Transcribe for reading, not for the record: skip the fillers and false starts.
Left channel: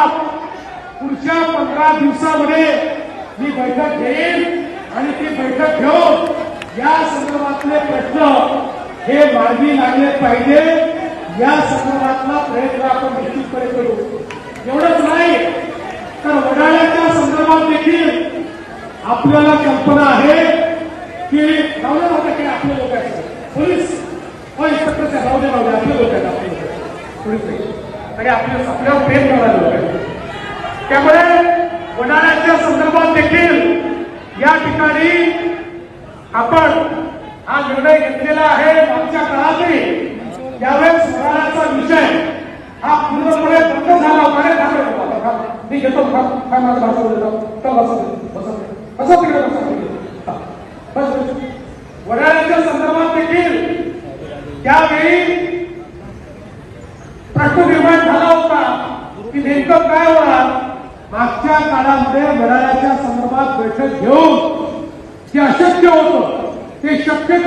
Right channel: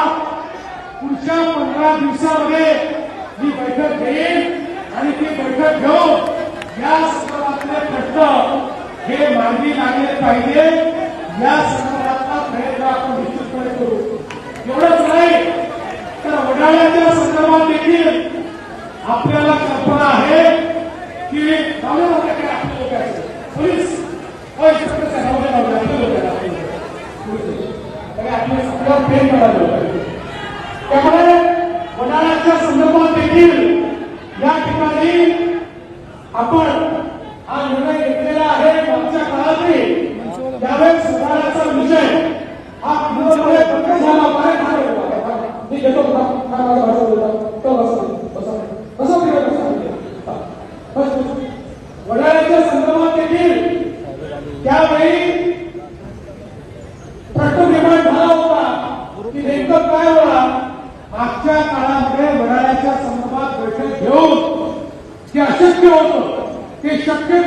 पुढच्या 15 दिवसांमध्ये ही बैठक घेईल आणि ती बैठक घेऊन या संदर्भातले प्रश्न हे मार्गी लागले पाहिजे या संदर्भातला प्रयत्न आपण निश्चितपणे करू। एवढंच नाही तर उन्हाळ्याच्या संदर्भात देखील आपल्याला कल्पना आहे की आपल्या लोकांचं पोलीस आपल्याला प्रेम करायला त्यामुळे उन्हाळ्याच्या संदर्भात देखील या ठिकाणी आपण हा निर्णय घेतलेला आहे। मागच्या काळातही यावेळेस उन्हाळ्याचा विषय हा पूर्णपणे बंद झाला मी घेतो उन्हाळ्याच्या संदर्भात देखील त्यावेळी प्रश्न निर्माण झाला होता की नेमकं काय होणार। मागच्या काळामध्ये उन्हाळ्याच्या संदर्भात बैठक घेऊन जे अशक्य होतं ते शक्य